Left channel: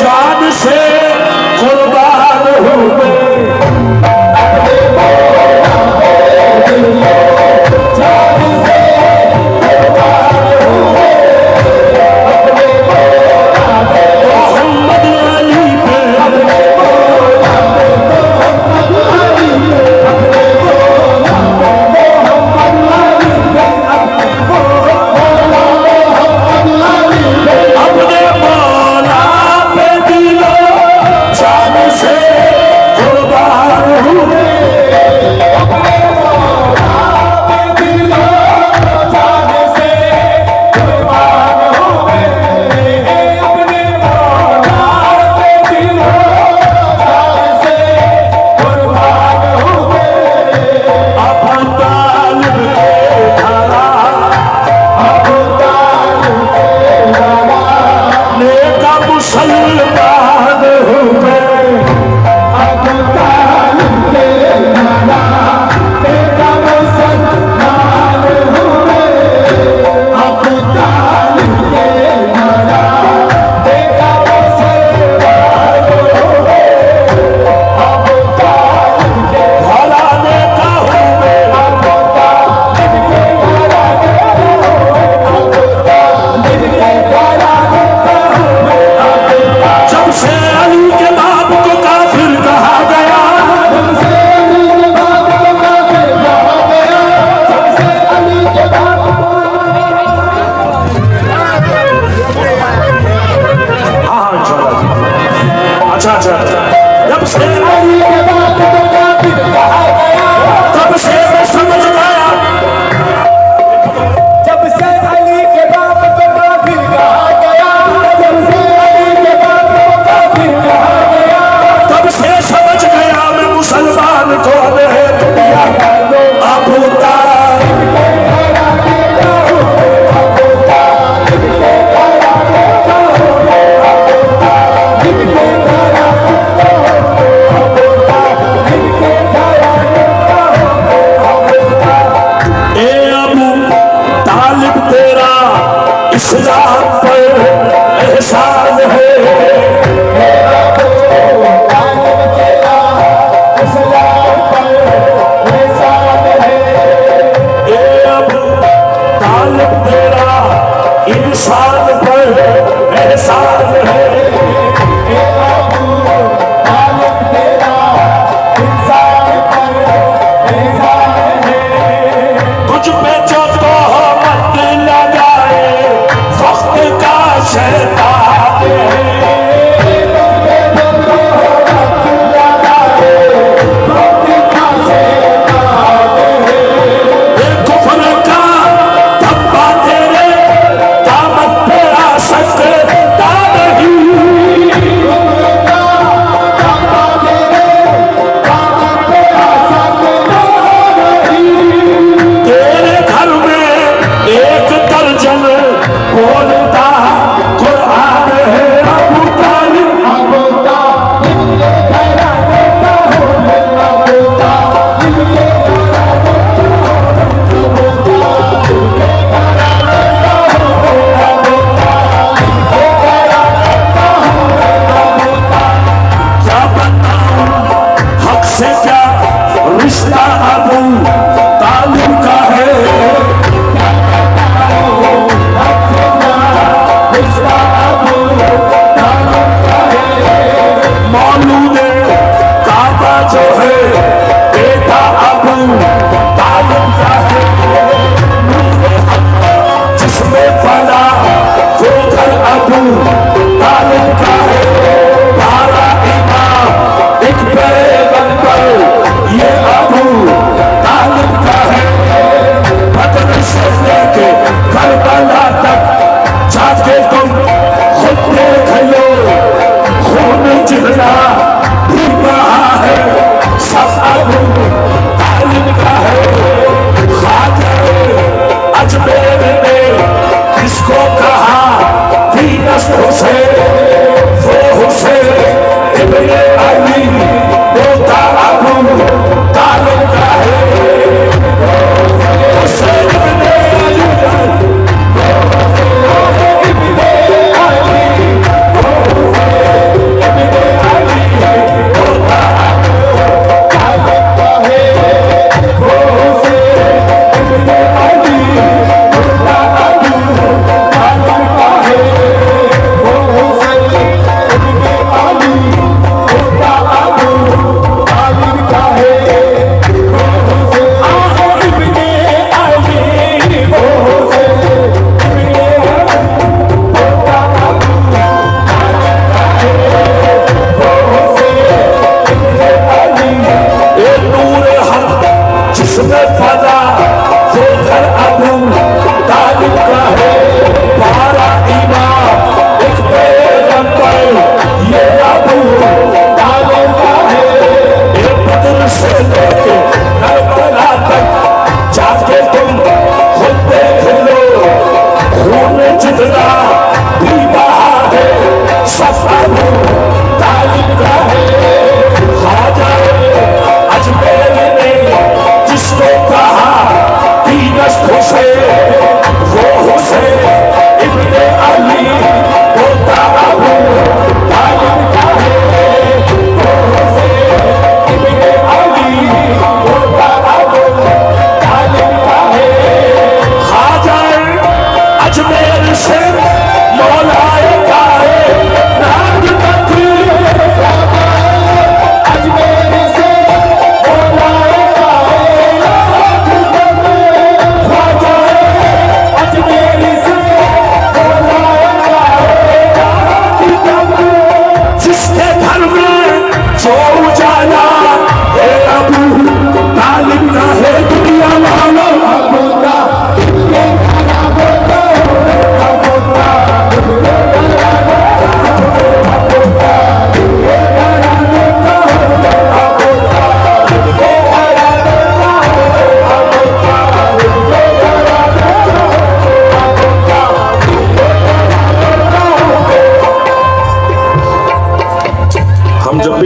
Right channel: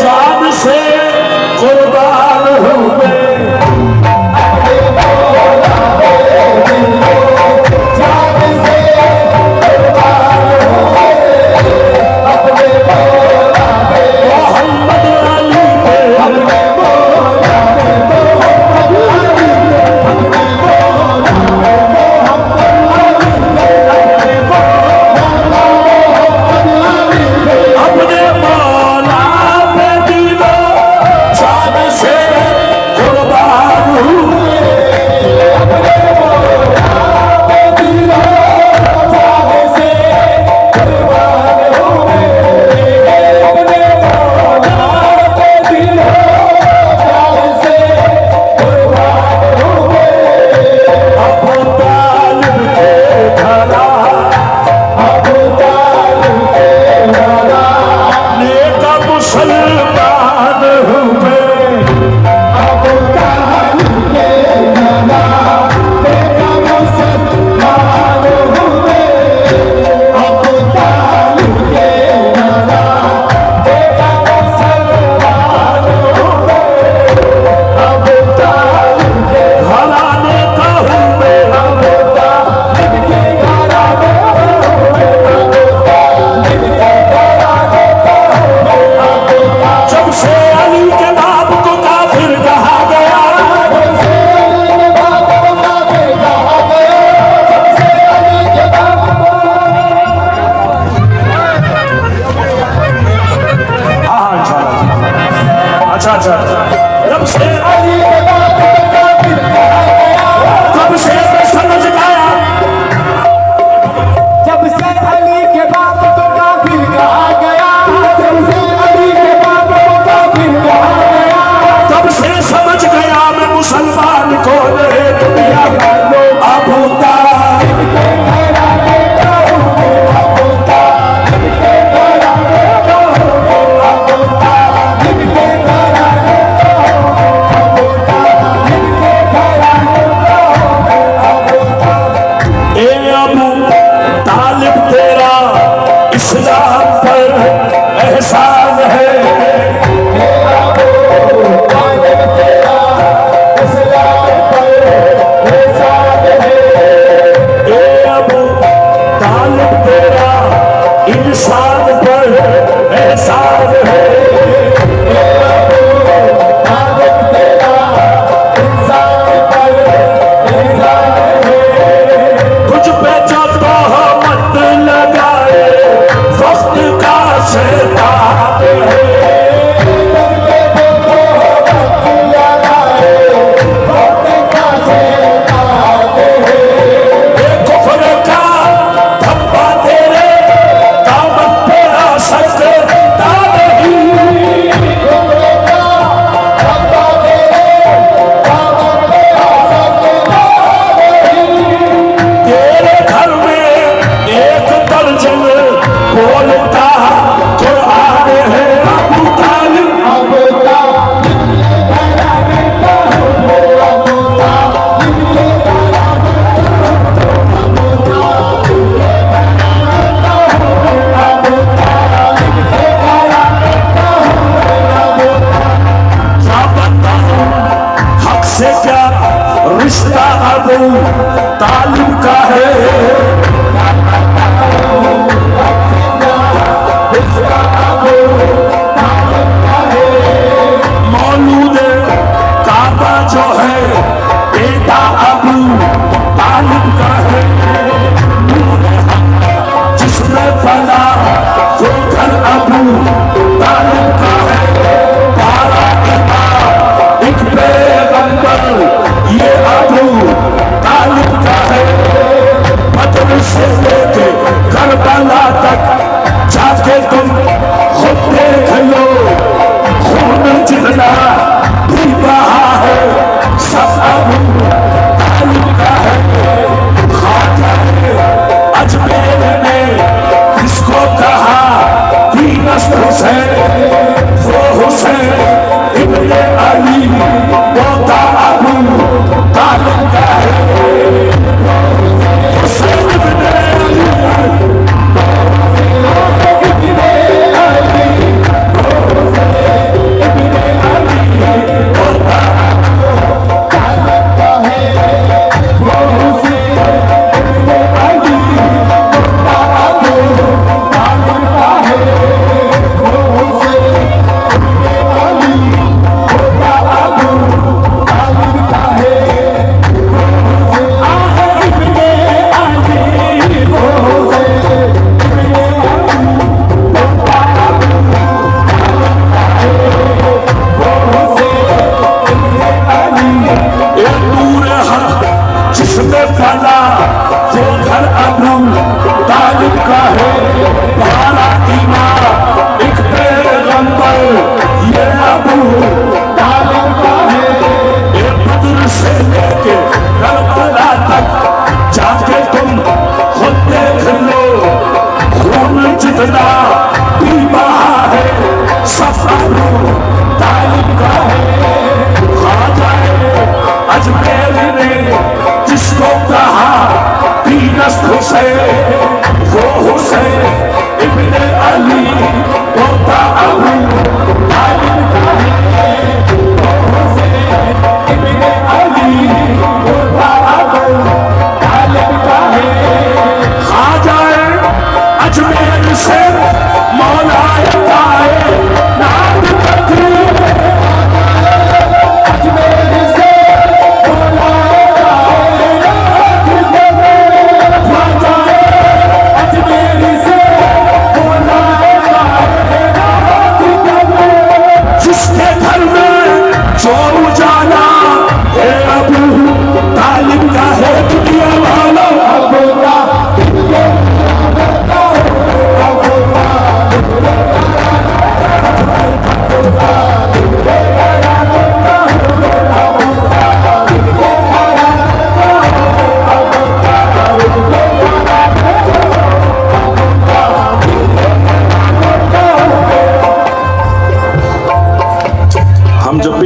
जान से कुर्बान हूँ मैं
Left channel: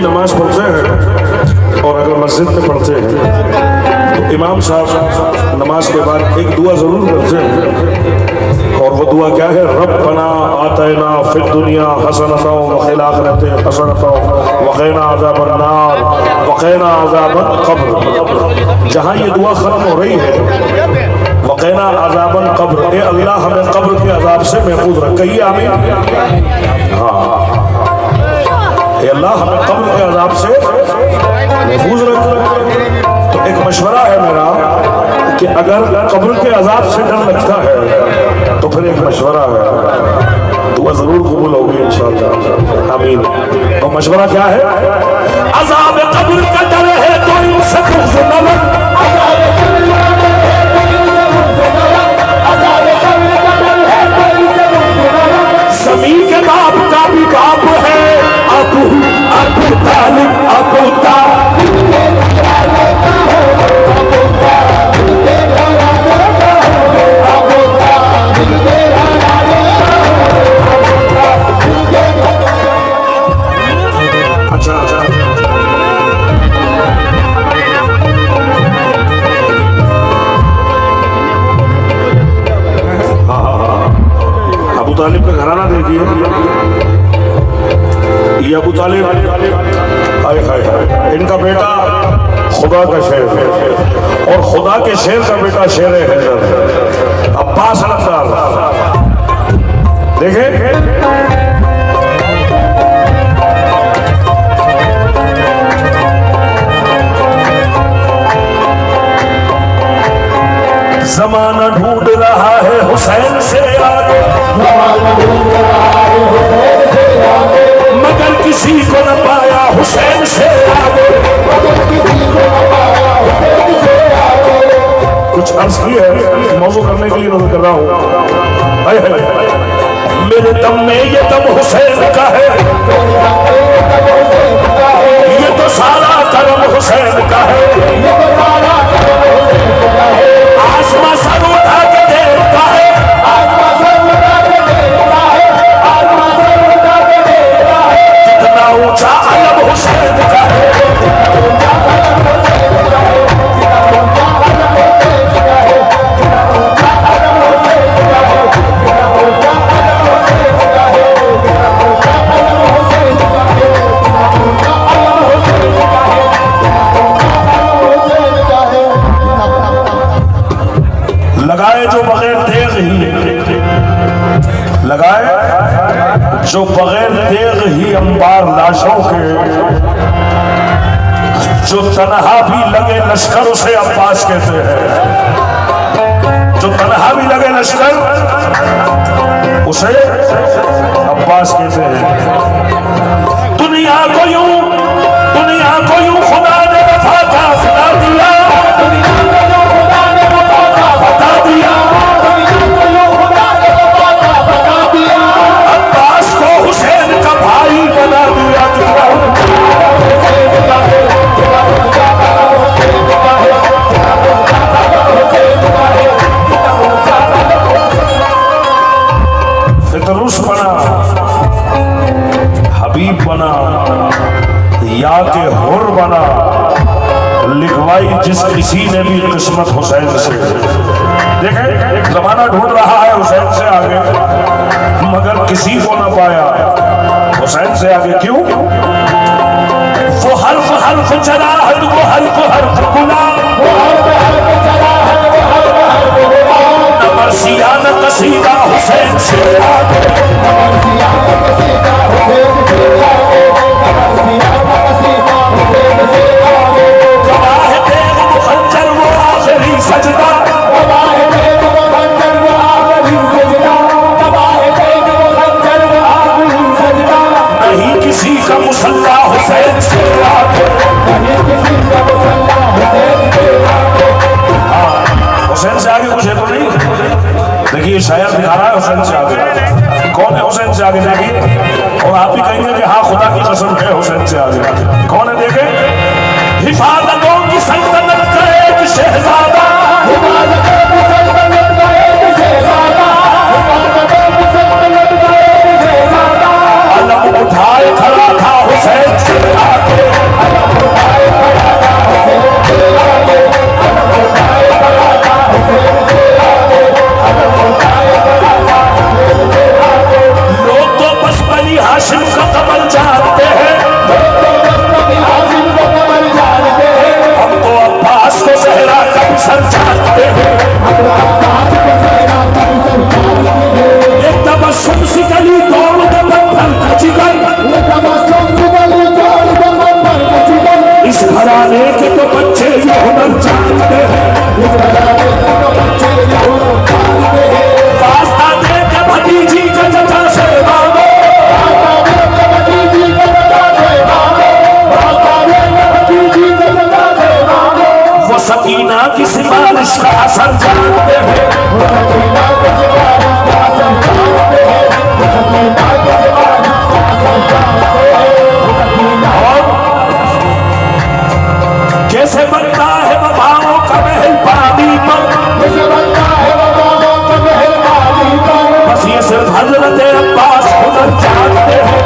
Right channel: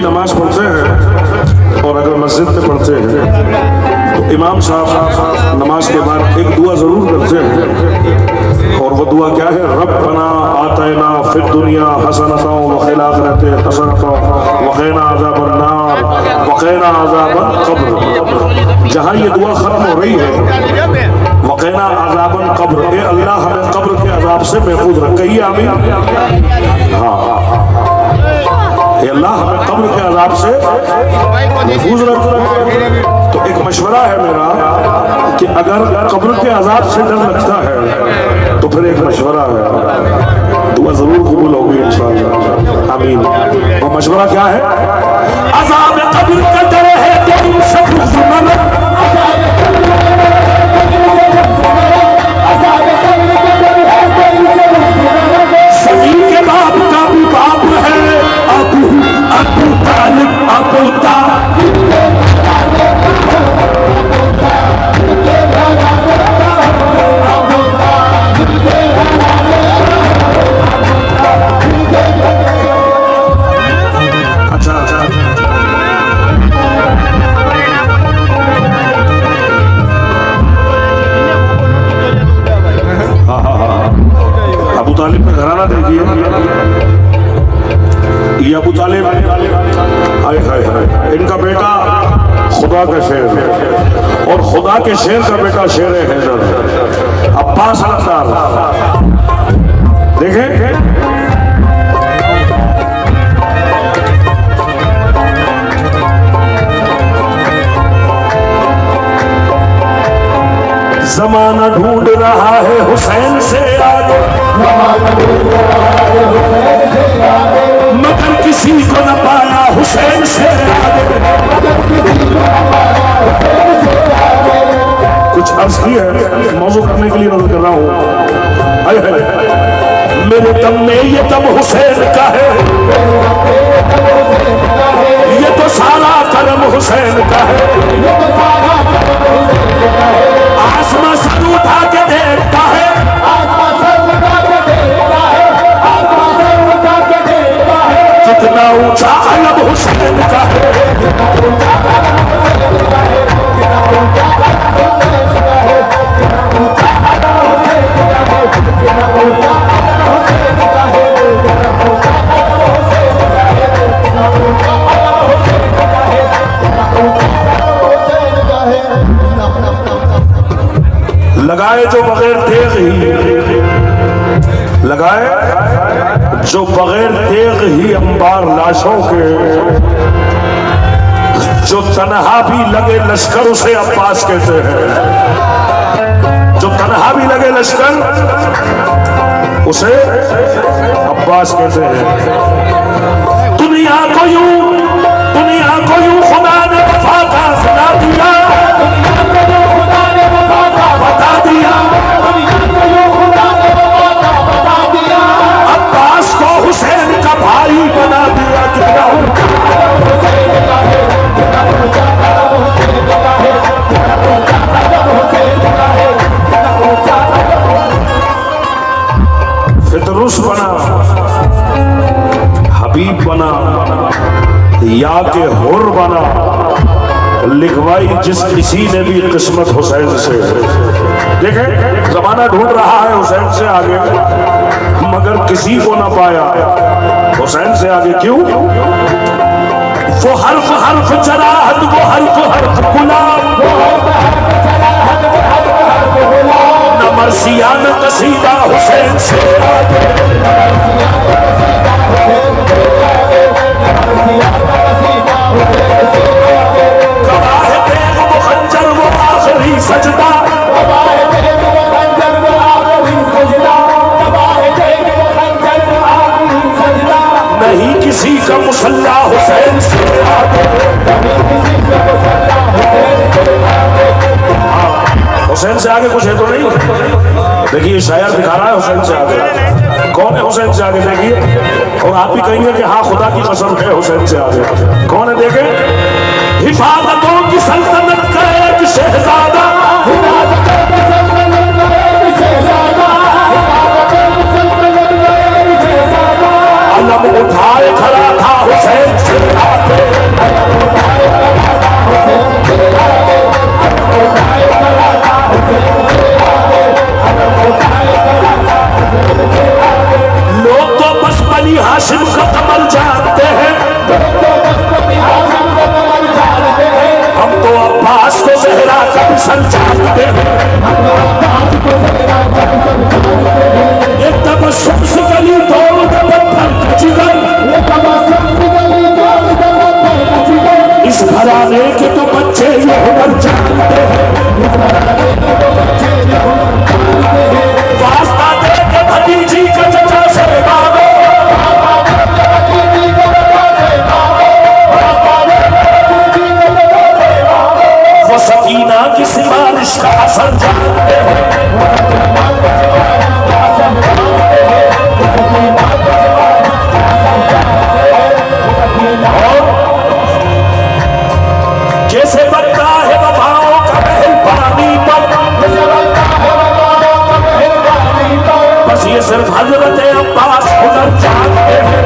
नमाज पढ़ते हैं और अगर मस्जिद में पढ़ते हैं तो इमाम साहब नमाज के बाद एक दुआ ज़रूर करते हैं, और वो दुआ क्या है? रब्बना आतना फिद दुनिया हसनतन व फिल आखिरति हसनतन व क़िना अज़ाबन नार व क़िना अज़ाबल क़ब्र। जहाँ ये दुआ ख़त्म हो रही है वक़ीना अज़ाबन क़ब्र, ए अल्लाह हमें कब्र के अज़ाब से महफूज रख। कहिए आमीन। हाँ, ए अल्लाह हमें कब्र के अज़ाब से महफूज रख। तो एक मशवरा है मेरा कि अगर कब्र के अज़ाब से डर लगता है तो फिर एक मशवरा है, दुआ ज़रूर कबूल होगी इंशाअल्लाह, आमीन। तो मशवरा क्या है? अज़ाब कब्र का डर है तो इनसे बुग़्ज़ न लग, सभी के बाप का भी बाप है अबू तालिब, अबू तालिब। अबू तालिब का घराना देखिए, ये अबू तालिब हाय हाय हाय, इनका बेटा खुदा का शेर है और खुदा के शेर का बेटा शेर हैदर अब्बास अख्तर। देखें ज़माना ढूंढ रहा है हुसैन से आगे, मगर किसी को न पाया हुसैन से आगे। कुछ अर्ज की है मौजू करने के लिए नजर कर रहा हूँ। मेरे दम में ये दम हुसैन का है, ये तो सारा करम हुसैन का है। आसमां सर उठा के देखता है, कितना ऊंचा अलम हुसैन का है। लगाए जो बगैर तेग ही, लगाए जो बगैर तेग ही अंबार लाशों के, जो तनहा भी लगे लश्कर उसे अब्बास कहते हैं। जो तनहा भी लगे लश्कर उसे अब्बास कहते हैं। दुनिया को यूं खुदा ने वफा का सुना दिया, बता दिया। अब्बास को हुसैन का भाई बना दिया। फितरुस बना, हबीब बना, या के हुर बना, लिखवाई जिस किसी ने भी किस्मत हुसैन से। देखें जमाना ढूंढ रहा है हुसैन से आगे, मगर किसी को ना पाया हुसैन से आगे। क्यों? वो हर्फ हर्फ जराहत, वो हर्फ गुलाम, न मर्सिया न कसीदा हुसैन से आगे। सजदा नहीं किसी का मुसल्ला हुसैन से आगे। हुसैन से आगे कुछ है तो नहीं? देखिए शायर दिखा रहा है हुसैन से आगे। कौन है हुसैन से आगे? देखिए, और आप भी कहेंगे कि हाँ खुदा की कसम है हुसैन से आगे। कौन है? देखें, हिफाजतों की सल्तनत का एक शहजादा, अलम उठाए खड़ा था हुसैन से आगे। सर जानते हैं, एक तबस्सुम से गली तोड़ दे पत्थर का जिगर, इस घराने के तो बच्चे ये हुनर जानते हैं, वास्ता दे के भतीजी के चचा से बाबा, वो सकीना की सिफारिश का असर जानते हैं, कैसे बनता है वफाओं का महल पानी पर, बस ये सिर्फ हजरत अब्बास हुनर जानते हैं,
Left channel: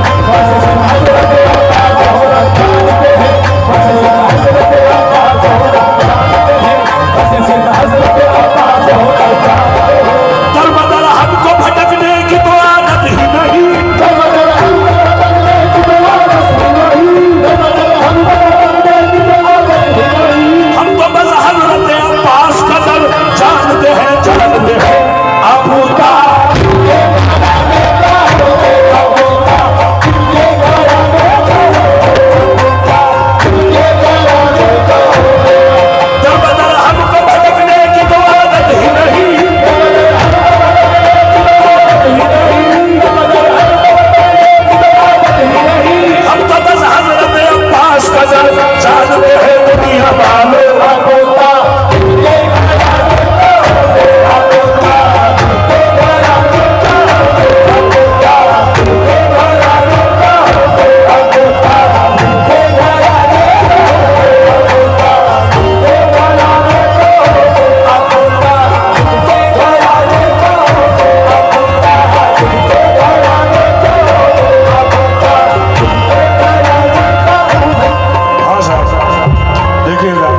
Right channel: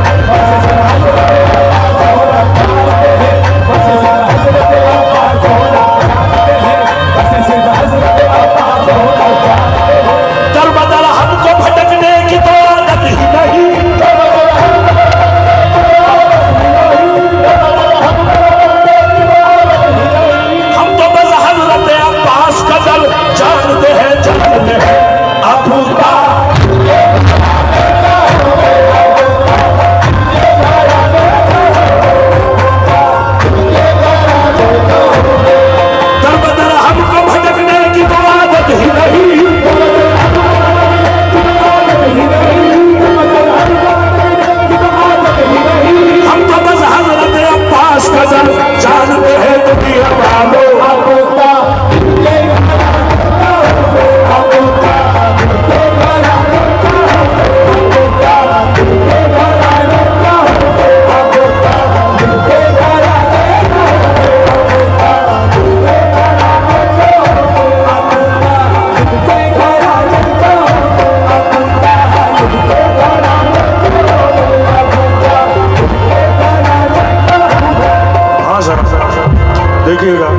दर बदर हमको भटकने की तो आदत ही नहीं, हम तो बस हजरत अब्बास का दर जानते हैं अबू दर बदर हमको भटकने की तो आदत ही नहीं, हम तो बस हजरत अब्बास का दर जानते हैं दुनिया वालों, देखिएगा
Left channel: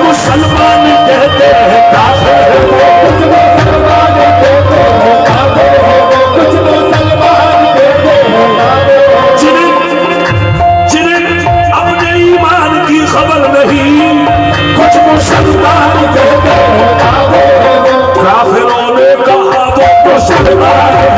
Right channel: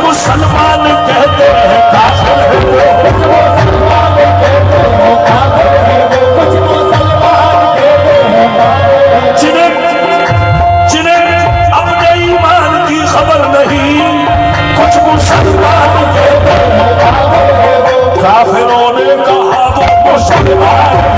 मुसलमान कहते हैं काफिर, जिन्हें अपने ईमान की खबर नहीं, कुछ मुसलमान कहते हैं काफिरों ने कहा वो मुसलमान है,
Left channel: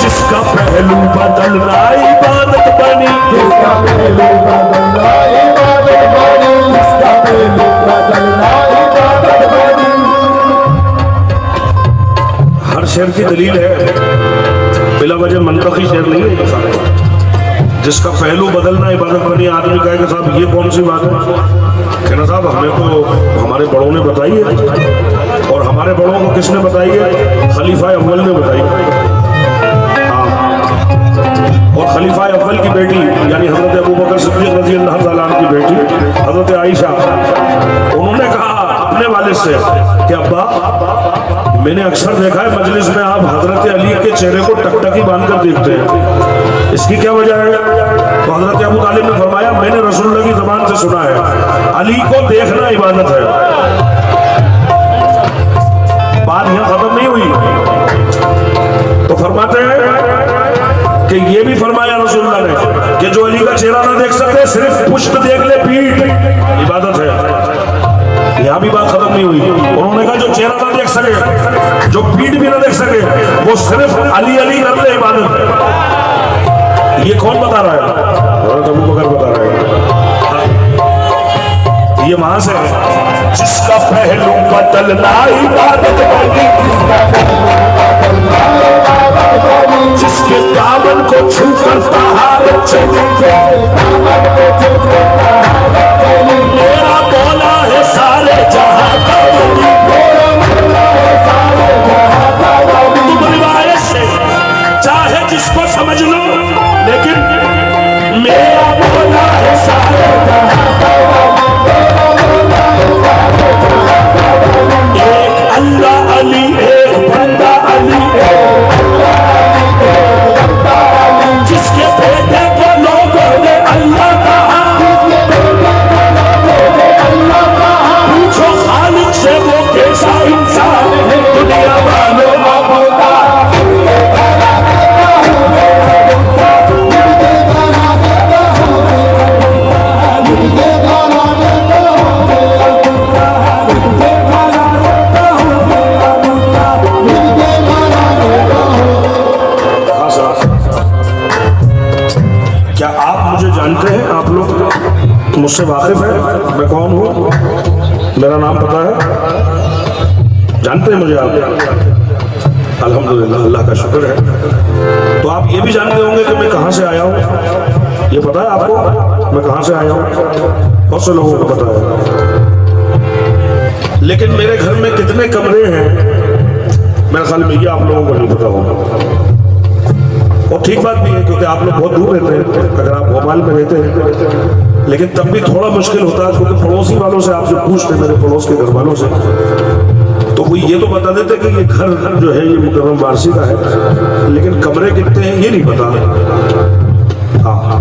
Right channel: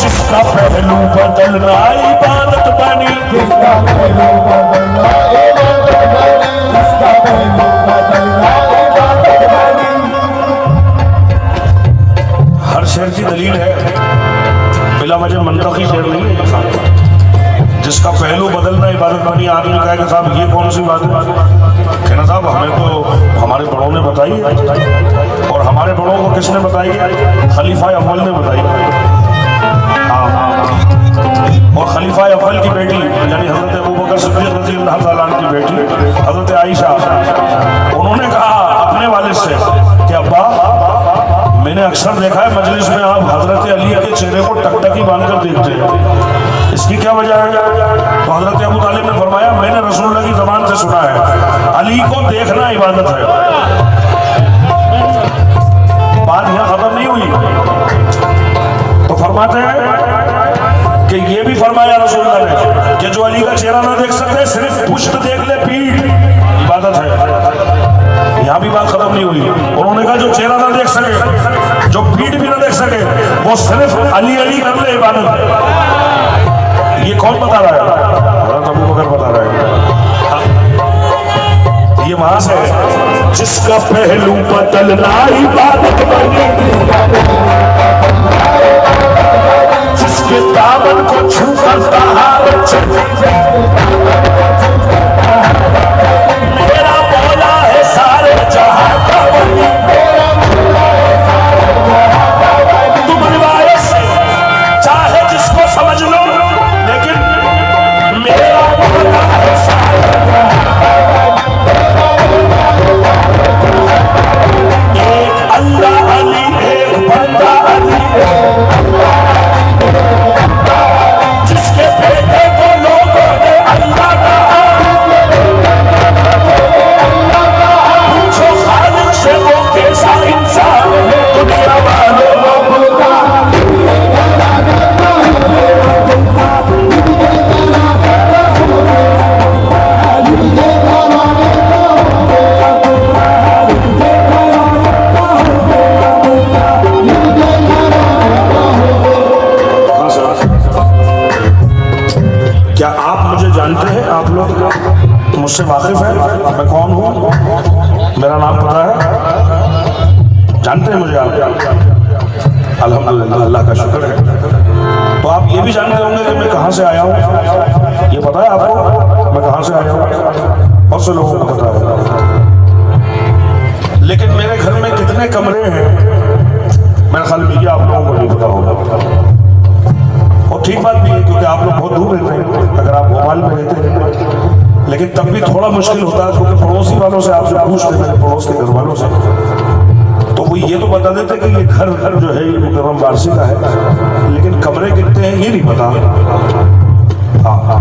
जिसका पहलू बदलना इबादत बनी, जिसका पहलू बदलना इबादत बनी, जिसका पहलू बदलना इबादत बनी। हर शेर की दलील है, बिला वजह मंतकी शेर नहीं है। जिसका पहलू बदलना इबादत बनी, आदमी कहे कि साहब ये कौन सी बात है, कहना साहब हमें तो हमारे बड़ों ने बताई है, और हमारे बड़ों को किसने बताई है, खलीफा अव्वल ने बताई है। और खलीफा अव्वल की बेटी यानी हजरत अबू बकर सिद्दीक रज़ी अल्लाह तआला अन्हु की बेटी हजरत आयशा, उन्होंने कहा अपने वालिद से कि अब्बा मैंने अक्सर देखा है मजलिस में आप हजरत अली के चेहरे को टकटकी बांधकर देखते हैं, इसकी क्या वजह है? तो हजरत अबू तालिब ने फरमाया मैंने रसूलुल्लाह की ज़बान से सुना है अली को देखना इबादत है। बात यहाँ खत्म नहीं हुई, तो फरमाते हैं कि ये भी फरमाया रसूलुल्लाह ने कि जो अली का चेहरा ना देख सकते सिर्फ पुष्ट देख ले पीठ इबादत है। यहाँ भी बात खत्म नहीं हुई, उन्होंने कहा जो चेहरा ना देख सके, जो पीठ भी ना देख सके, वो सिर्फ अली अली कर ले इबादत है। ये कौन बता रहा है? हज़रत अबू बकर बता रहा है। ये वहां से है जिसका पहलू बदलना इबादत बनी, जिसका जिसके दामन को छू कर तहारत चली मेरा मौला है सारे जहां का वली। तुम रिवायत से चाहे जिसको समझ लो, लेकिन मेरा मौला है सारे जहां का वली। एक अल्लाह अली, एक बंदा अली, जिसके बेटे को लोगों ने अल्लाह कहा। पूछो खालिक से वो कैसा इंसान है, दुनिया वालों मुझसे वाकिफ है, मैं कौन हूँ, मेरा नाम पता है, जानते हैं मुझे आप? अल्हम्दुलिल्लाह, अल्लाह का शुक्र है। तो आप ये भी जानते होंगे कि मैं कहाँ से आया हूँ, ये पता है आपको मैं कहाँ से आया हूँ? बहुत से लोगों को पता है। लेकिन मेरे घर में कितने कमरे हैं मेरे ख्याल में ये आप लोगों को नहीं पता होगा। और ठीक बात भी है, क्योंकि आप लोग बहुत दूर रहते हैं, अगर आप भोपाल में रहते हैं, लेकिन तब भी थोड़ा मुश्किल होता है, क्योंकि पड़ोसी वालों से आपसे पूछते, मेरे पड़ोस के घर वालों से, तो वो ये तो बता देते कि ये घर जो है ये मुकर्रम वारसी का है, लेकिन कमरे कितने हैं ये नहीं पता। हाँ,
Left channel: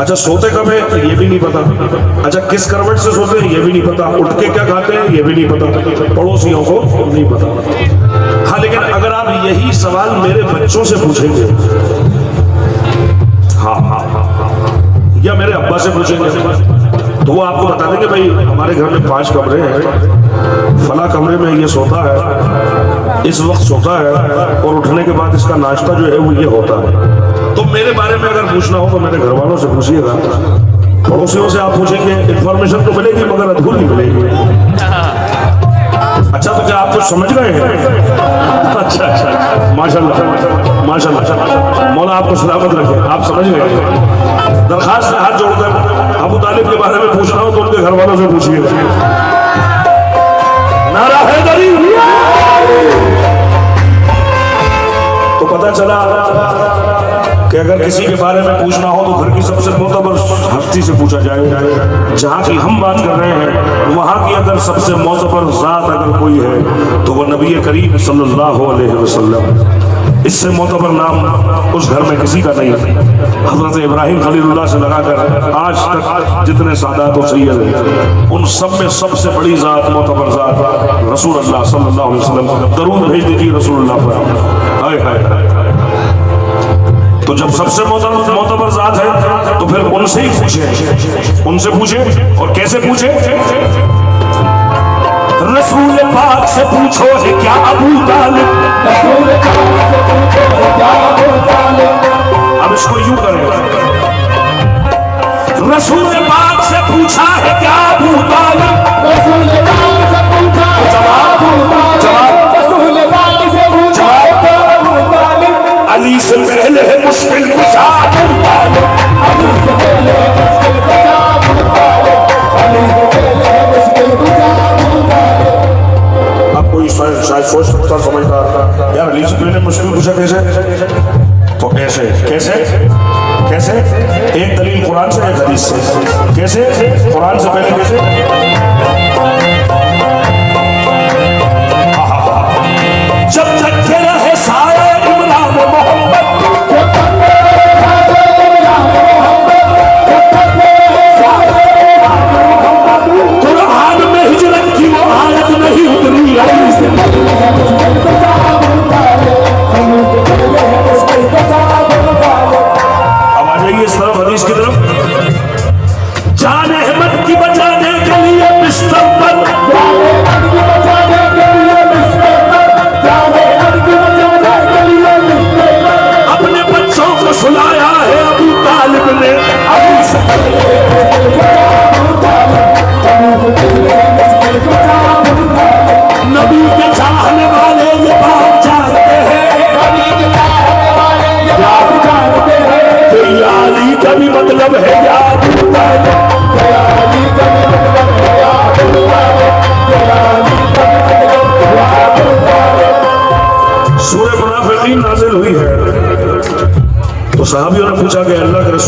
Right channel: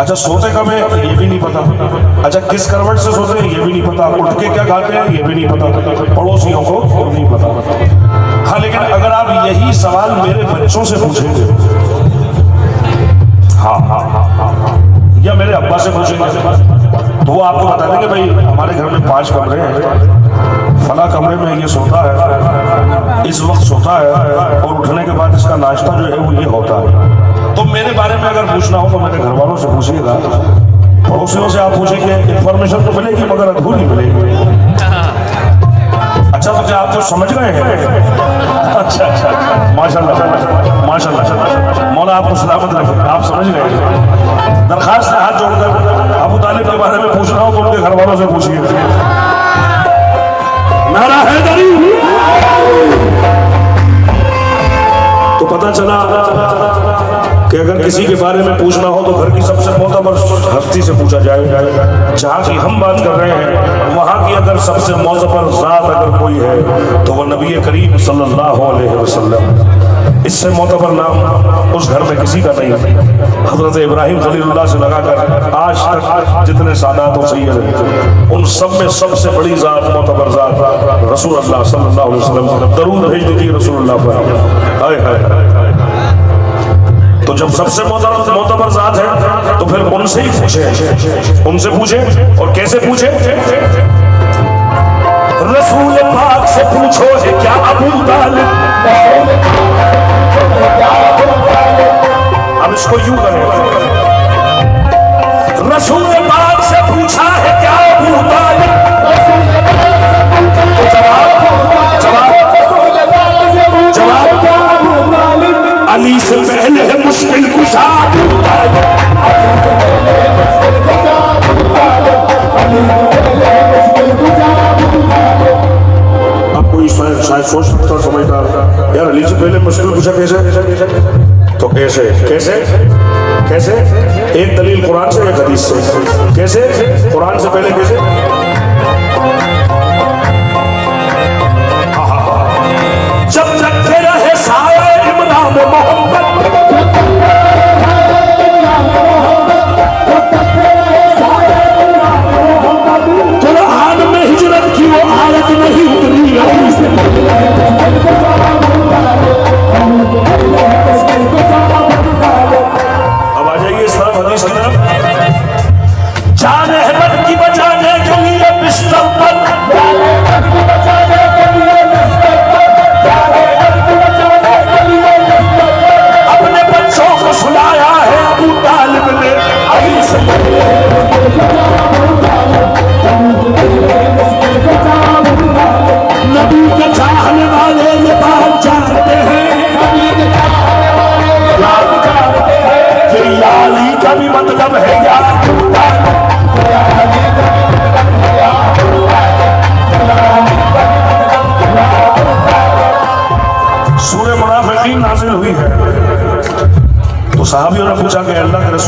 अच्छा सोते कब है ये भी नहीं पता। अच्छा किस करवट से सोते हैं ये भी नहीं पता। उठ के क्या खाते हैं ये भी नहीं पता, पड़ोसियों को नहीं पता। हाँ, लेकिन अगर आप यही सवाल मेरे बच्चों से पूछेंगे, या मेरे अब्बा से पूछेंगे, तो वो आपको बता देंगे भाई हमारे घर में 5 कमरे हैं, फला कमरे में ये सोता है, इस वक्त सोता है, और उठने के बाद इसका नाश्ता जो है वो ये होता है। तो मेरे बारे में अगर पूछना हो तो मेरे घर वालों से पूछिएगा, पड़ोसियों से आप पूछेंगे, इंफॉर्मेशन तो मिलेगी मगर अधूरी मिलेगी। अच्छा, तो क्या आप तो समझ गए हैं? अच्छा, माशाल्लाह माशाल्लाह, मौला आपको सलामत रखे, आप समझ गए। दरखास्त हाथ जोड़कर अबू तालिब के बारे में पूछना हो तो उनके घर वालों से पूछिए। नारा हैदरी। तो पता चला कि अगर किसी के बारे में पूछना हो तो घर की सबसे मोतबर हस्ती से पूछा जाएगा। जहाँ की हम बात कर रहे हैं वहाँ की अगर सबसे मोतबर ज़ात अगर कोई है तो वह नबी करीम सल्लल्लाहु अलैहि वसल्लम। इससे मोतबर नाम उस घर में किसी का नहीं है। हज़रत इब्राहिम खलीलुल्लाह से लगाकर आज तक जितने सादात और सैयद हैं उन सब में सबसे बड़ी ज़ात, मोतबर ज़ात रसूलुल्लाह सल्लल्लाहु अलैहि वसल्लम। दरूद भेज दीजिए रसूलुल्लाह पर। हाय हाय। तो जब सबसे मोतबर ज़ात है तो फिर उनसे ही पूछे, और कैसे पूछे? रसूल पाक से पूछो है क्या अबू तालिब। अब इसको यूं करें, रसूल पाक से पूछा है क्या अबू तालिब। तो जवाब अली से पहले है मुश्किल कुशा। अब कोई शायद सोच सकता, समझता यार अली से पहले मुश्किल कुशा कैसे? तो कैसे? एक दलील कुरान से, एक हदीस से। कैसे? कुरान से पहले कैसे? जब रखे रहे सारे इमरान मोहम्मद, कुरान में हिजरत की वो आयत नहीं उतरी। अब आ जाइए इस तरफ हदीस की तरफ। जान अहमद की बचाने के लिए बिस्तर पर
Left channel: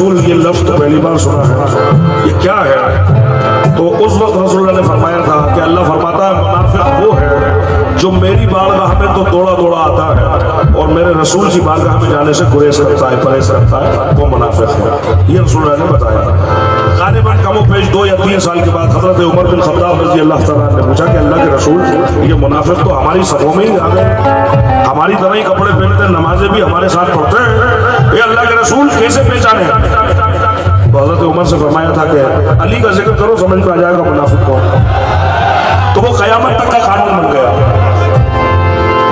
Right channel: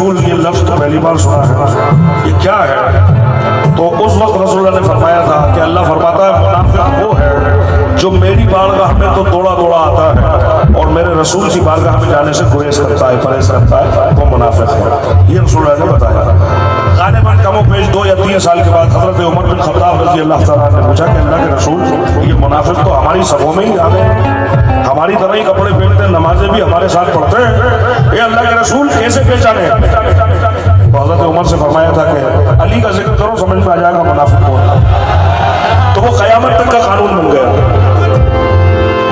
रसूल ये लफ्ज तो पहली बार सुना है, ये क्या है? तो उस वक्त रसूल ने फरमाया था कि अल्लाह फरमाता है मुनाफिक वो है जो मेरी बारगाह में तो दौड़ा दौड़ा आता है और मेरे रसूल की बारगाह में जाने से गुरेज रखता है, परहेज रखता है, वो मुनाफिक है। ये रसूल ने बताया। गालिबन कमो पेश 2 या 3 साल के बाद हजरत उमर बिन खत्ताब रज़ी अल्लाह तआला ने पूछा कि अल्लाह के रसूल ये मुनाफिक तो हमारी सभों में ही आ गए, हमारी तरह ही कपड़े पहनते हैं, नमाजें भी हमारे साथ पढ़ते हैं, ये अल्लाह के रसूल कैसे पहचाने? तो हजरत उमर से फरमाया था कि अली का जिक्र करो समझ में आ जाएगा मुनाफिक कौन। तो वो क़यामत तक का कानून बन गया।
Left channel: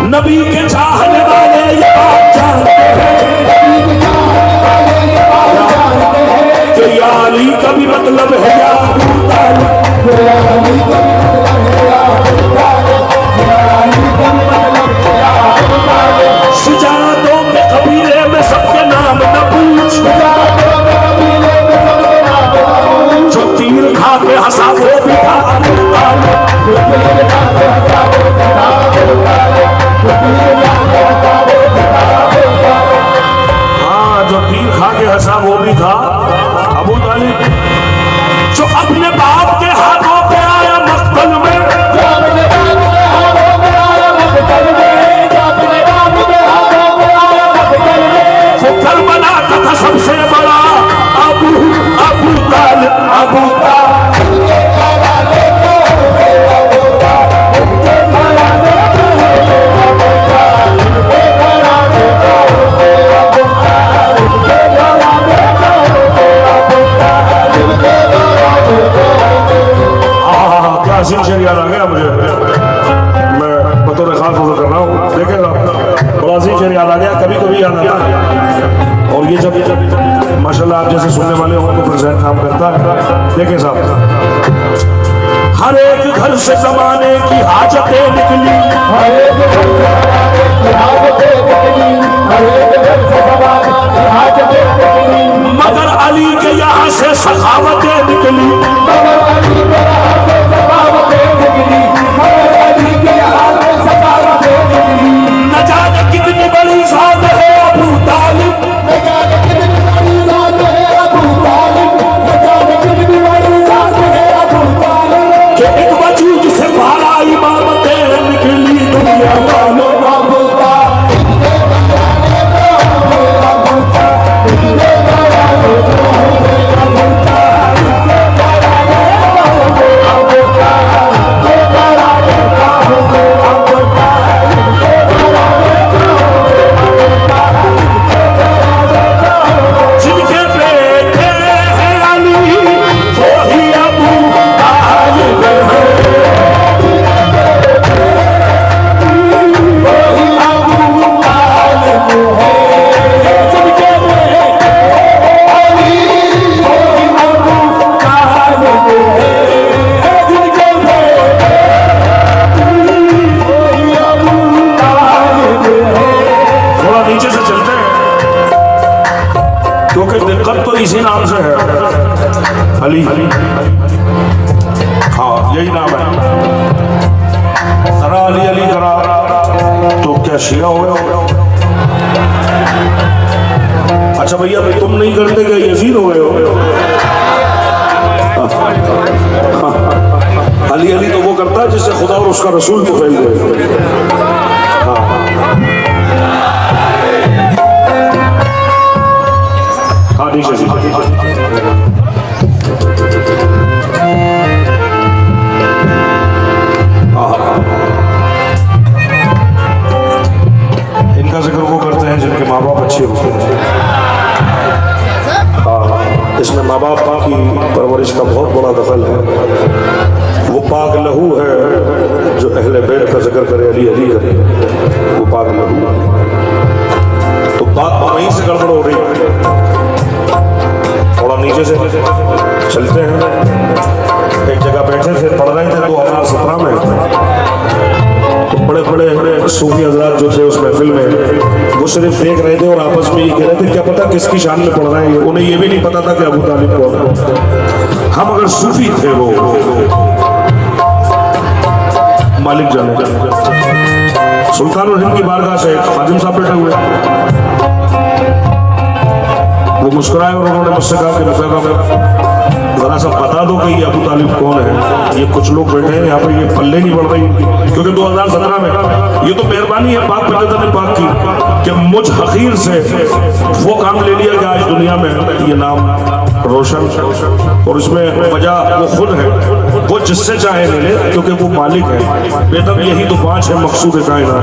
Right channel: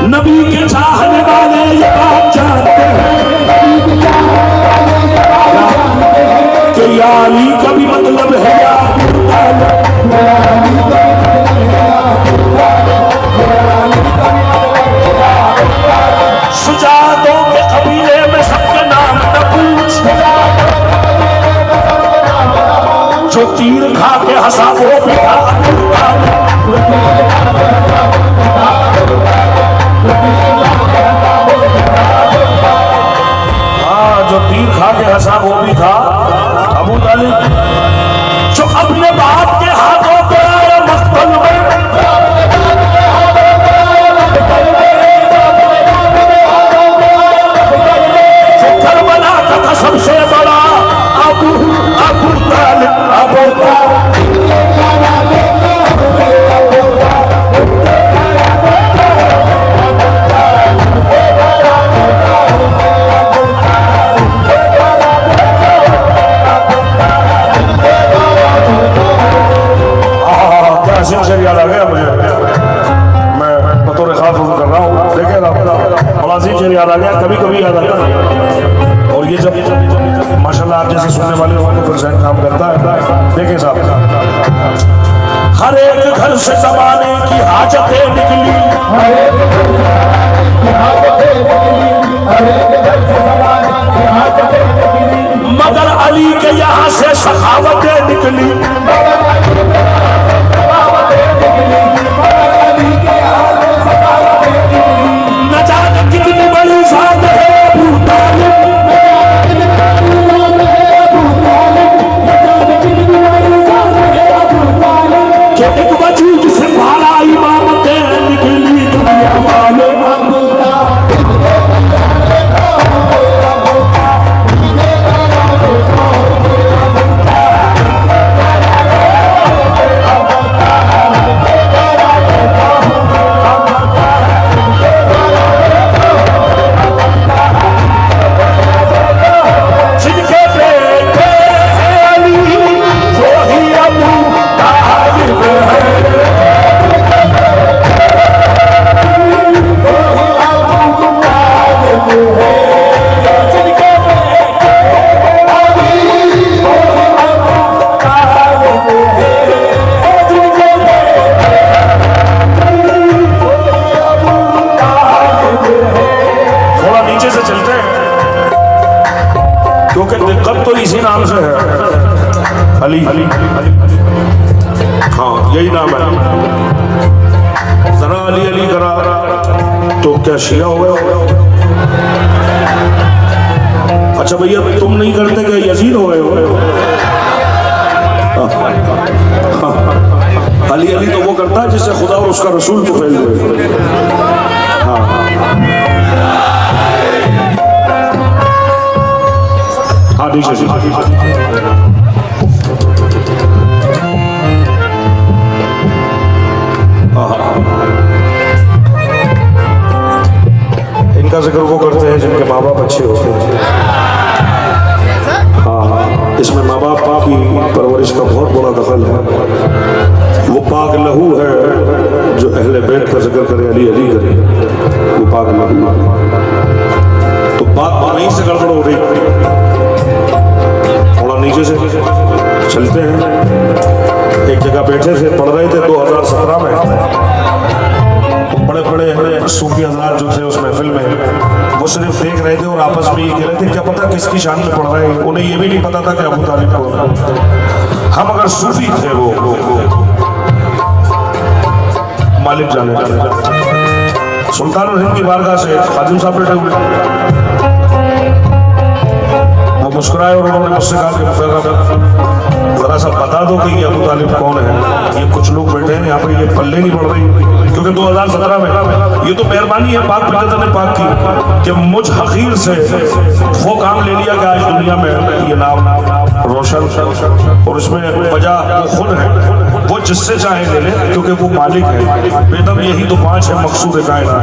नबी के चाहने वाले ये बात जानते हैं कि या अली का भी मतलब है या सुजातों के कबीले में सबके नाम न पूछ, जो तीर खा के हंसा वो भी था, हाँ जो तीर खा के हंसा वो भी था अबू तालिब, जो अपने बाप के हाथों पे आया मक्तल में, जो करबला का था सबसे बड़ा अबू तालिब, अबू तालिब। अजीम शेर याद आ गया मुझे, मैं बतौर खास कर रहा हूँ, देखेगा बड़ा अजीम शेर याद आ गया, कभी कभी याद आता है। और ये जब माशाल्लाह आप जैसे सुनने वाले हो तो फिर काम करता है। देखे साहब, हर एक घर से जमाने की हाजतें निकली, मगर अली के यहाँ से सखावतें निकली। न जाने कितनी बड़ी ज़ात है अबू तालिब, कि एक वजूद से बाला इमामतें निकली दुनिया वालों। अली, हाँ यही नाम है। जरा अली अली करा तो क्या शिया हो गए? अच्छा भैया तुम नहीं करते क्या यजीद हो गए हो? अली अली तो वो करता है जिससे खुदा और उसका रसूल को फैल गए। हाँ हाँ ठीक है। इनका जिक्र वो करते हैं जिनके माँ बाप अच्छे होते हैं। हाँ, इसमें माँ बाप की परवरिश का बहुत बड़ा दखल है। वो पाक लहू है जो अहले बैत का जिक्र करे, अली अली करे, वो पाक लहू है। तो बात वहीं से गड़बड़ हो रही, थोड़ा नीचे से चलते हैं। एक जगह बैठे थे, पढ़ रहे थे 2017 में। बड़े बड़े सूफी हजरात जो थे उस महफिल में, वो सिर्फ देख रहे थे और आपस में ये कह रहे थे क्या पता किसकी शान में पढ़ रहे हैं। उन्हें ये भी नहीं पता था कि अबू तालिब को हम अगर सूफी थे वो मालिक जाने। सुल्तानुल हिंद की बारगाह से खादिम साहब बैठे हुए, वो मुस्कुराए और उन्होंने मुझसे कहा कि मुकर्रम जरा सा बता दो कि ये अबू तालिब कौन है। ये कुछ लोग बैठे हैं यहाँ पे, ये पल्ले नहीं बढ़ रही, क्योंकि 2017 में ये तो मेहरबानी है पाक पैगंबर ने पाक की कि मुझ हकीर से वो काम ले लिया कि आज दुनिया में ये नाम रोशन, और इसमें वजह वो खुद है, वो जिससे चाहे ले ले क्योंकि वो मालिक है। बेदम यही तो 5 है मकसूद कायना,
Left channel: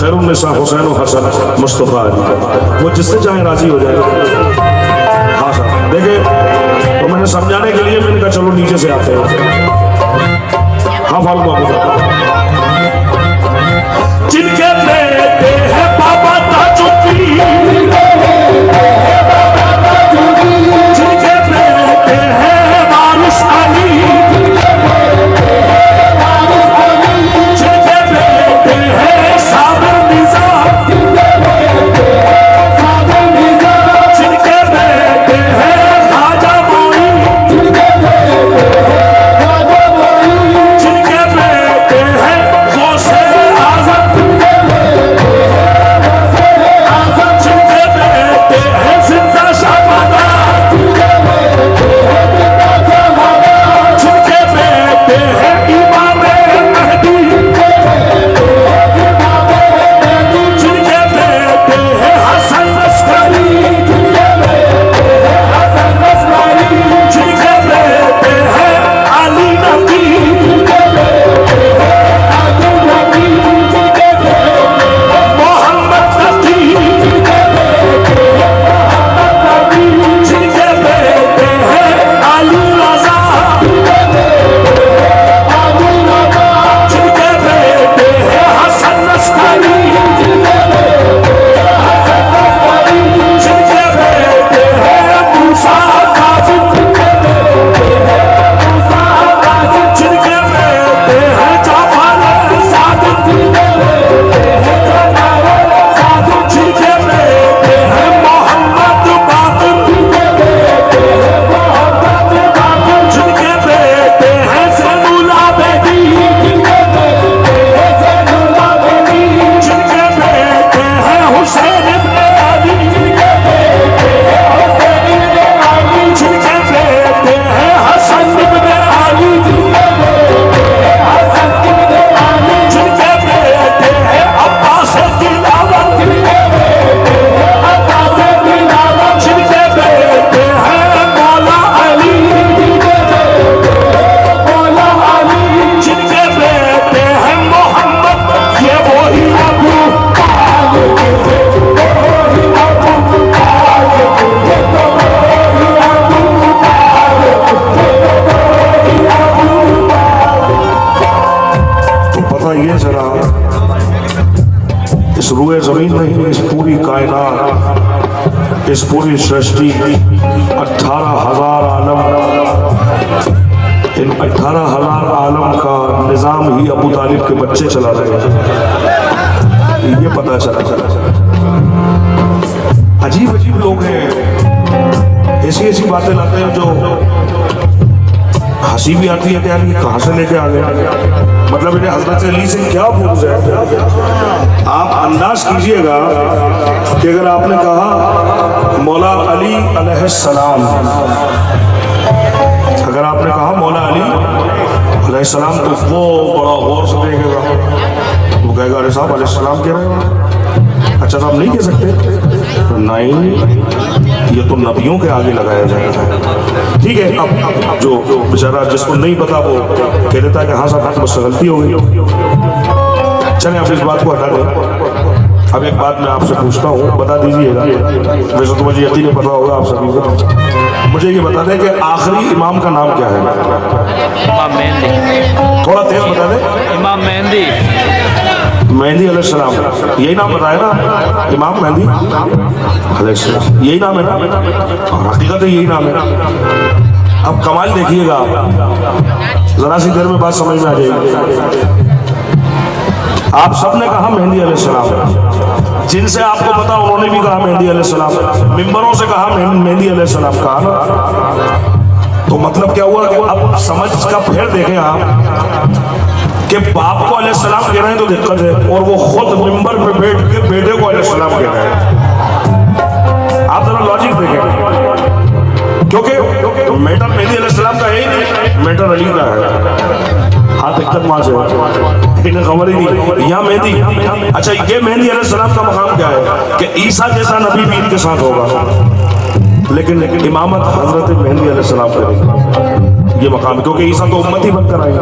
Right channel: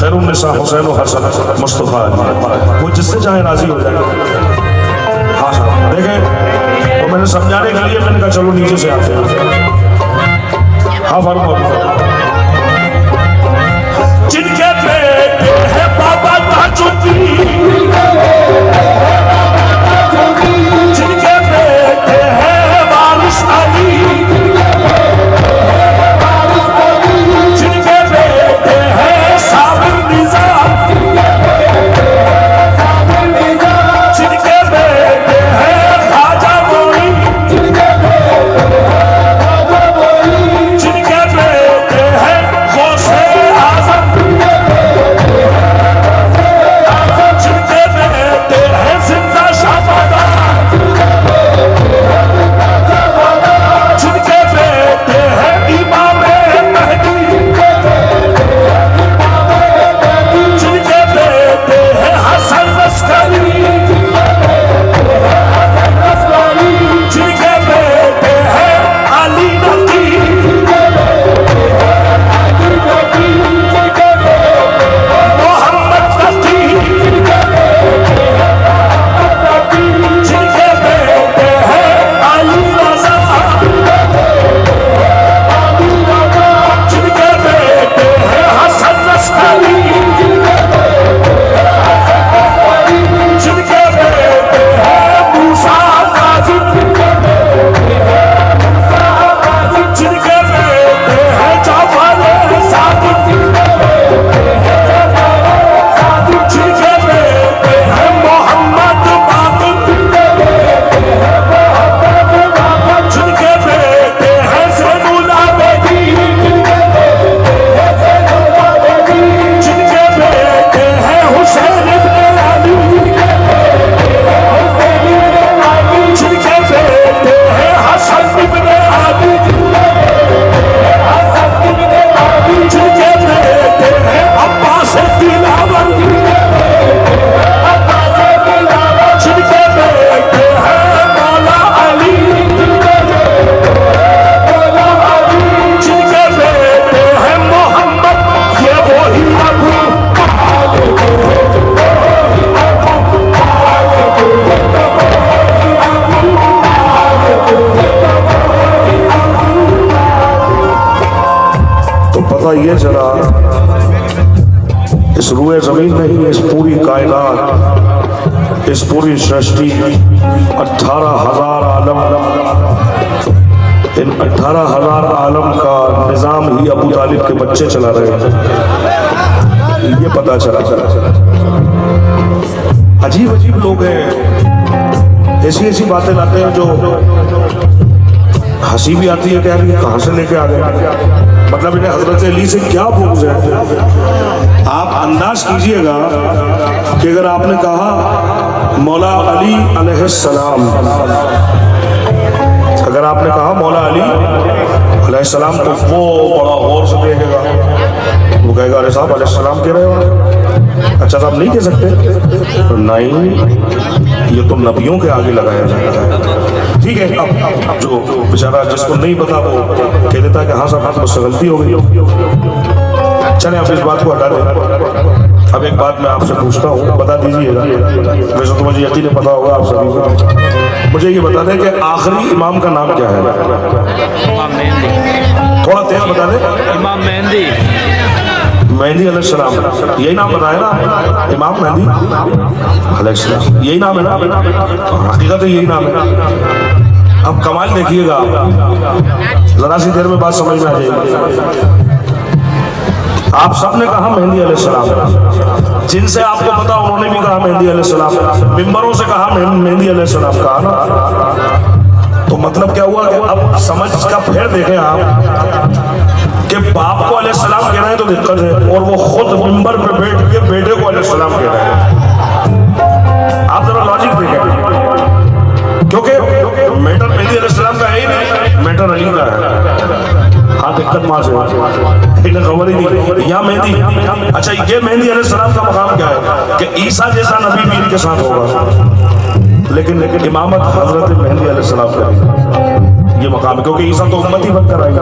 खैरुन्निसा हुसैन व हसन मुस्तफ़ा, वो जिससे चाहे राजी हो जाएगा। हाँ साहब देखें, तो मैंने समझाने के लिए मैंने कहा चलो नीचे से आते हैं। हाँ फारूक बाबू, जिनके बेटे हैं बाबा ताजुद्दीन, जिनके बेटे हैं वारिस अली, जिनके बेटे हैं साबिर निज़ाम, जिनके बेटे हैं ख्वाजा मोइन, जिनके बेटे हैं गौसे आज़म, जिनके बेटे हैं जिंदा शाहबादा, जिनके बेटे हैं इमाम महदी, जिनके बेटे हैं हसन लश्करी, जिनके बेटे हैं अली नकी, मोहम्मद तकी, जिनके बेटे हैं अली रज़ा, जिनके बेटे हैं हसन लश्करी, जिनके बेटे हैं मूसा काज़िम, जिनके बेटे हैं जाफर सादिक, जिनके बेटे हैं मोहम्मद बाक़िर, जिनके बेटे हैं ज़ैनुल आबिदीन, जिनके बेटे हैं हुसैन इब्न अली, जिनके बेटे हैं हसन इब्न अली, जिनके बेटे हैं अब्बास दिलावर, जिनके बेटे हैं मौला अली, जिनके बेटे हैं मोहम्मद, ये वही अबू तो पता ये चला इस रूए जमीन में ही, इस पूरी कायनात, इस पूरी सृष्टि 18,000 आलम, इन 18,000 आलम का निज़ाम ही अबू तालिब के बच्चे चला रहे हैं। ये पता चला। अजीब अजीब लोग हैं, ऐसी ऐसी बातें लाते हैं जो हंसी भी आती है कि यार ये कहाँ से लेके आ गया। मतलब इन्हें हजरत अली से क्या बुग़्ज़ है। आप अंदाज कीजिएगा कि अगर आपने कहा मौला अली अलैहिस्सलाम, अगर आपने कहा मौला अली अलैहिस्सलाम, तो वो बड़ा गौर से देखेगा, वो कहेगा अरे साहब अलैहिस्सलाम कह रहे हो, अच्छा साहब नहीं कह सकते, तो नहीं ये तो नबियों के आगे लगाया जाएगा। ठीक है, अब जो बेचारा जिसको नहीं पता वो कह देता है कि हाँ साहब मुझसे गलती होगी। चलें आप इस बात को हटा दें। अब एक बात मैं आपसे पूछता हूँ, बता दीजिएगा, वैसे तो मुझे यकीन पता होगा आप सभी को, मुझे ये बता दें कि आखिरी इमाम का नाम क्या है। इमाम मेहंदी। थोड़ा तेज बता दें। इमाम मेहंदी। मेहंदी अलैहिस्सलाम, यही नाम बताया ना, इमाम मेहंदी अलैहिस्सलाम, यही नाम है ना, हकीकत है यही नाम है। अब कमाल देखिएगा, जरा सी देर में बात समझ में आ जाएगी। आप सबने कहा मेहंदी अलैहिस्सलाम, जिनसे आपको पता उन्होंने भी कहा मेहंदी अलैहिस्सलाम, मिंबरों से कहा मेहंदी अलैहिस्सलाम, कहा ना। तो मतलब क्या हुआ कि अब समझ का फेर देखें आप कि बाप को अलैहिस्सलाम कह रहे हैं तो दिक्कत है, और वो खुद मिंबर पे बैठ के बेटे को अलैहिस्सलाम कह रहे हैं। आप जरा लॉजिक देखें। मैटर अली का है। हाँ, दिक्कत वहां से इन्हें खबर ही नहीं। यहाँ मेहंदी, अच्छा ये मेहंदी अलैहिस्सलाम का मकाम क्या है कि ईसा जैसा नबी भी इनके साथ होगा, लेकिन इमामत हजरत मेहंदी अलैहिस्सलाम का ये मकाम है, क्योंकि ईसा तो उम्मत ही बनकर आएगा।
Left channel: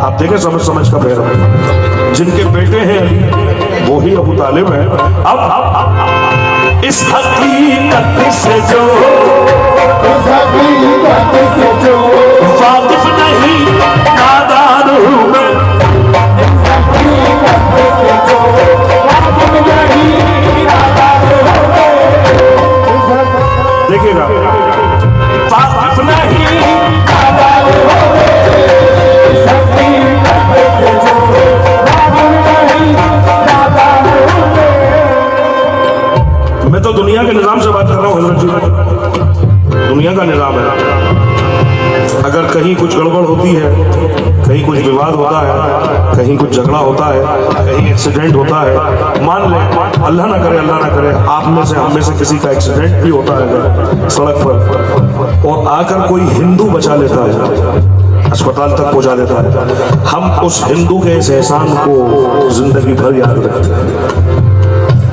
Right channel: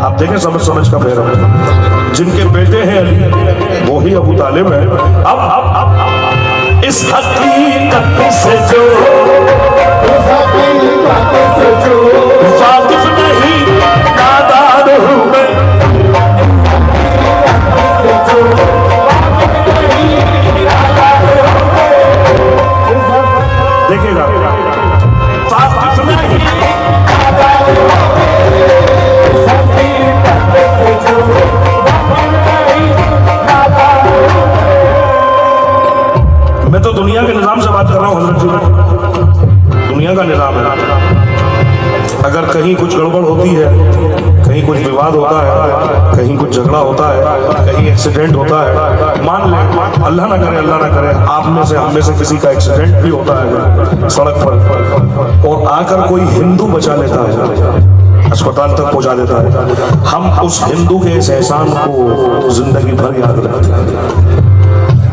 आप देखें समझ का फेर, जिनके बेटे हैं वो ही अबू तालिब है। अब इस हकीकत से जो वाकिफ नहीं नादान हूं मैं, देखिएगा वाकिफ नहीं मैं तो दुनिया के निजाम से बात कर रहा हूँ हजरत जी। दुनिया का निजाम है, अगर कहीं कुछ गड़बड़ होती है, कहीं कुछ विवाद होता है, कहीं कुछ झगड़ा होता है, कहीं एक्सीडेंट होता है, मान ले अल्लाह ना करे आप में से हम में से किसी का एक्सीडेंट भी होता है सड़क पर, और आकर कोई हिंदू बचा लेता है, अस्पताल तक पहुंचा देता है, हम उस हिंदू के इस एहसान को जिंदगी भर याद रखते हैं।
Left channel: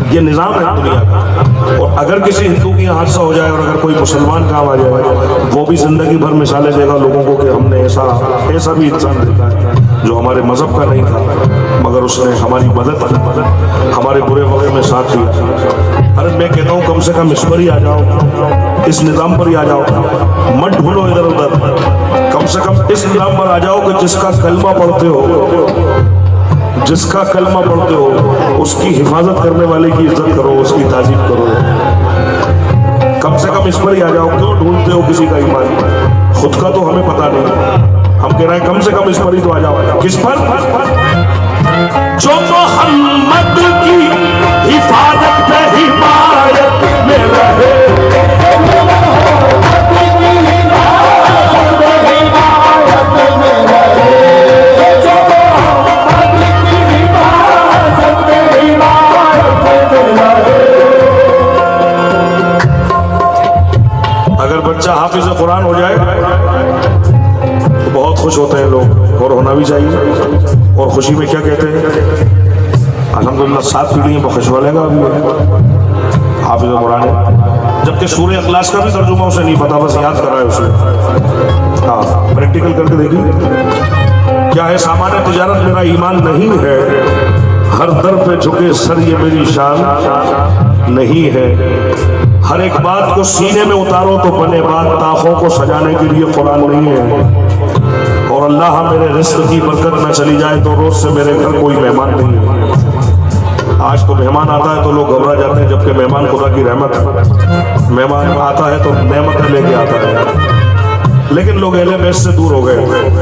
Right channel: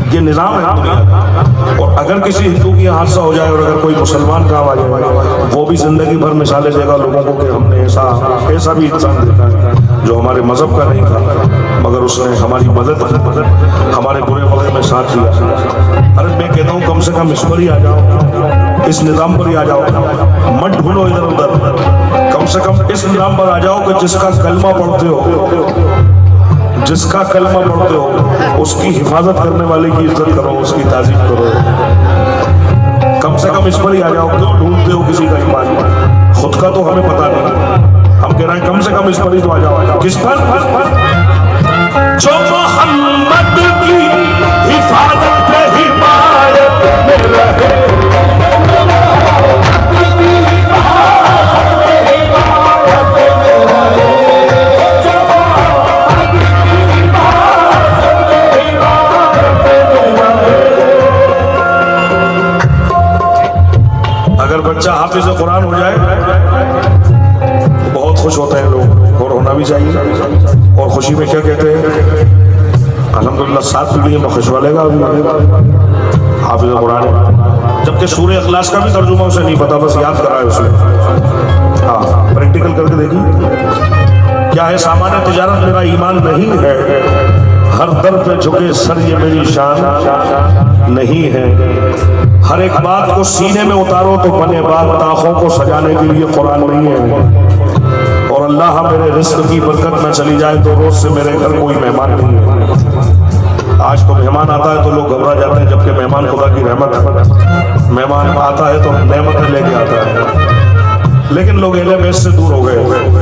ये निजाम है दुनिया का। और अगर किसी हिंदू की हादसा हो जाए और अगर कोई मुसलमान काम आ जाए, वो भी जिंदगी भर मिसालें देगा लोगों को कि हमने ऐसा भी इंसान देखा है जो हमारे मजहब का नहीं था, मगर उसने हमारी मदद की, हमारे बुरे वक्त में साथ दिया। अरे मैं कहता हूँ कम से कम इस पर ही आ जाओ, इस निजाम पर ही आ जाओ, मत ढूंढो इधर उधर। कम से कम इस निजाम पर आ जाओ कि जिसका कलमा पढ़ते हो, जिसका कलमा पढ़ते हो उसकी हिफाजत करने वाले की इज्जत करो, उसकी ताजीम करो। कम से कम इस पर ही आ जाओ। क्यों ढूंढते हो किसी का ईमान? खुद का तो हमें पता नहीं, हम कह रहे हैं कम से कम इस पर ही तो आ जाओ। किस पर? जो मोहम्मद की हिफाजत पे हिमायत में रहे, बच्चा हाफिज कुरान हो जाए तो बहुत खुश होते हैं लोग, और होना भी चाहिए। और खुशी में क्या कहते हैं, अल्हम्दुलिल्लाह 7 पीढ़ियों में खुश वालेगा हाफिज कुरान। जबकि सूरह इखलास का भी तर्जुमा उसे नहीं पता, बस याद कर रहा है उसे। हाँ, प्रैक्टिकल करके देखिए क्या है। सामान्य तिजारत मेरा ईमान नहीं है, हर दर पे झुके सर ये मेरी शान नहीं है। हर एक बात को सीने में उतारो तो बने बात, ताखों को सजाने के लिए कुरान नहीं है। और अल्लाह मेरे रिस्क की बरकत न चली जाए तो रोज से मेरे घर कोई मेहमान नहीं है। आज तो मेहमान आता है तो लोग घबरा जाते हैं, जबकि मेहमान खुदा की रहमत है। मेहमान आता है तो नेमत लेके आता है, लेकिन लोग अहले बैत से दूर हो गए।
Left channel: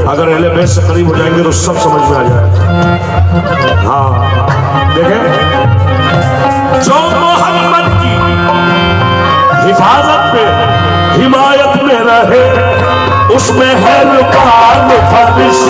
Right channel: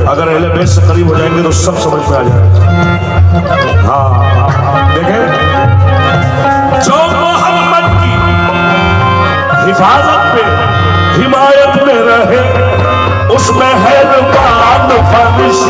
अगर अहले बैत से करीब हो जाएंगे तो सब समझ में आ जाएगा। हाँ देखें, जो मोहम्मद की हिफाजत पे हिमायत में रहे, उसमें है रुकान ख्वाहिश